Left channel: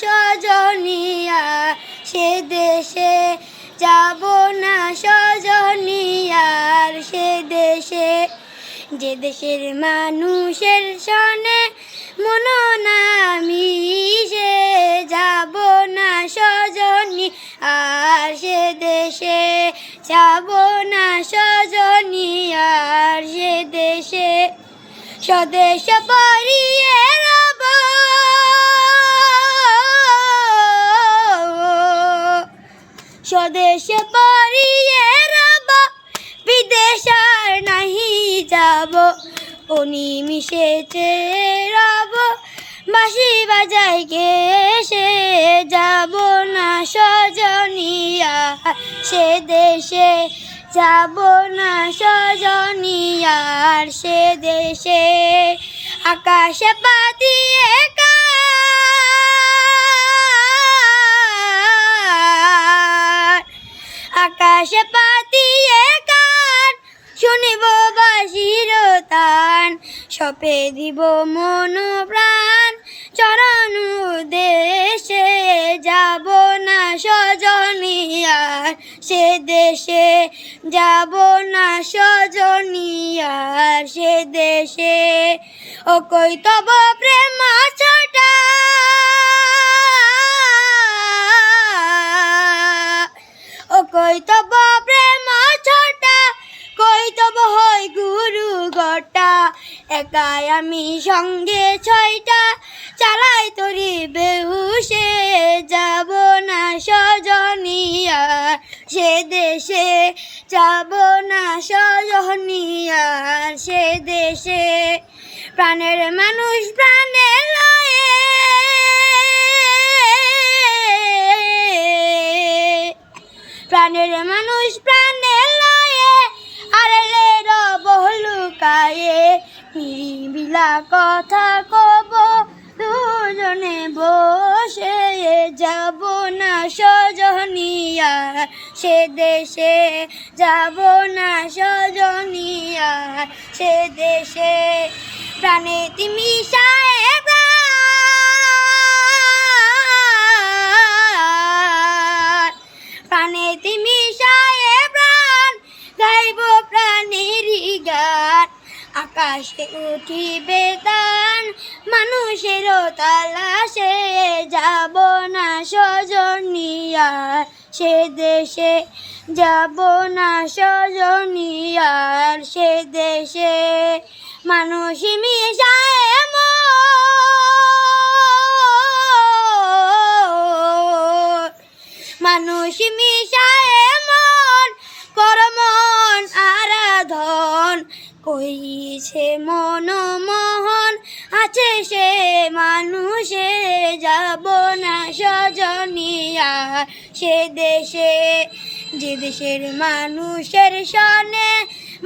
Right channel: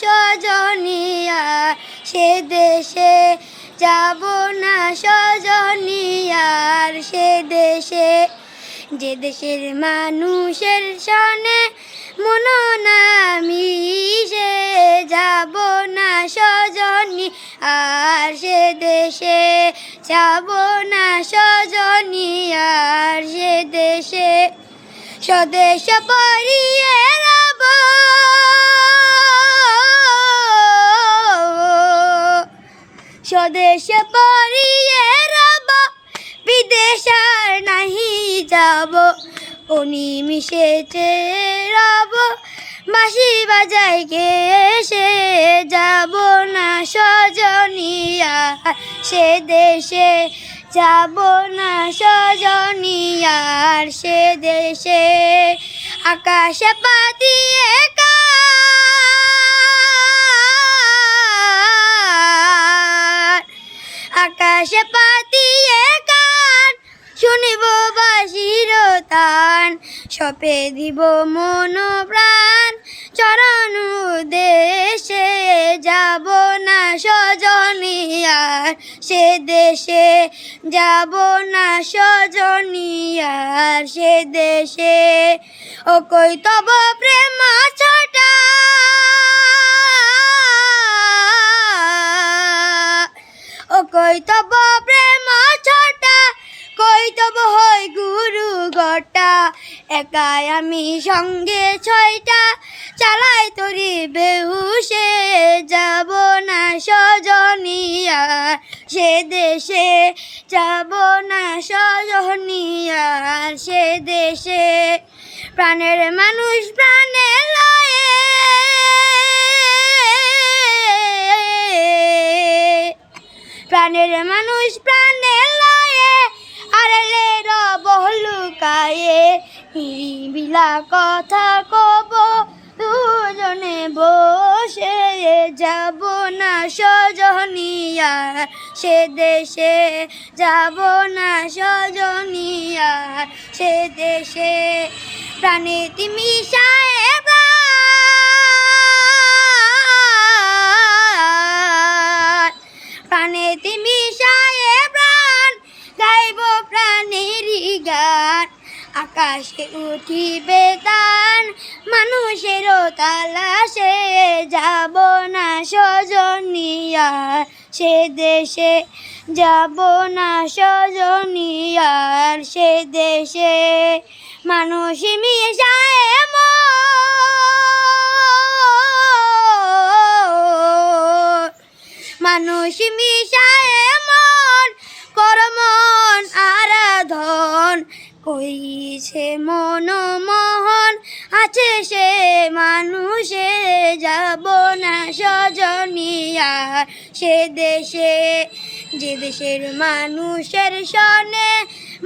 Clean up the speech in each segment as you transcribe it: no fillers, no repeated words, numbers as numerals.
সজনিয়া সে দেশে, যাব না সজনিয়ার সে দেশে। যে দেশের মানুষের সনে মন না মিশে, যাব না সজনি আর সে দেশে, যাব না সজনি আর সে দেশে। স্বদেশ পরিয়ে রব, স্বদেশ পরিয়ে রব, বিদেশ আর নাহি যাব। ও নিমিষেতে রব বাঁশি বাজাই গে সে, যাব না সজনিয়া সে দেশে, যাব না সজনিয়ার সে দেশে। আকাশে পাতিয়ে কান, আকাশে পাতিয়ে কান, শুনিব বাঁশির তান। সপে দিব মন প্রাণ চরণ দেশে, যাব না সজনিয়ার সে দেশে, যাব না সজনিয়ার সে দেশে। ও কই তব প্রেম ছটা, ও কই তব প্রেম ছটা, কই তব হয় গুরু গটা। একাই আমি সঙ্গে ছয়টা, চালাই তরি বেহুশে, যাব না সজনিয়ার সে দেশে, যাব না সজনিয়ার সে দেশে। প্রাণের মানুষ প্রাণে লয়ে, প্রাণের মানুষ প্রাণে লয়ে, আড়ালে রব লুকায়ে। নিরিবিলা কথা কব দুজনে বসে, যাব না সজনিয়ার সে দেশে, যাব না সজনিয়ার সে দেশে। প্রাণে তিমি সাহেব, প্রাণে তিমি সাহেব প্রাণ, গাইব প্রাণের গান। আকাশে উঠিবে তান মানুষেরও তালাশে, যাব না সজনিয়ার সে দেশে, যাব না সজনিয়ার সে দেশে। মানুষ মিশায় মন, মানুষ মিশায় মন, করমন আরাধন। কইছে মন মোহন আছে সে মানুষে, যাব না সজনিয়ার সে দেশে। যে দেশের মানুষের সনে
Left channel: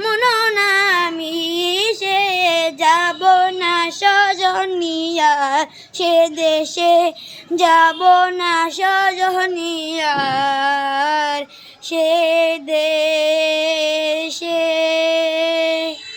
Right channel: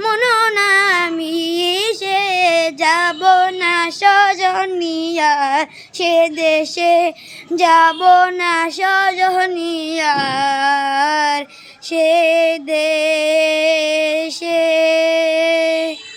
মন না মিশে, যাব না সজনিয়ার সে দেশে, যাব না সজনিয়ার সে দেশে।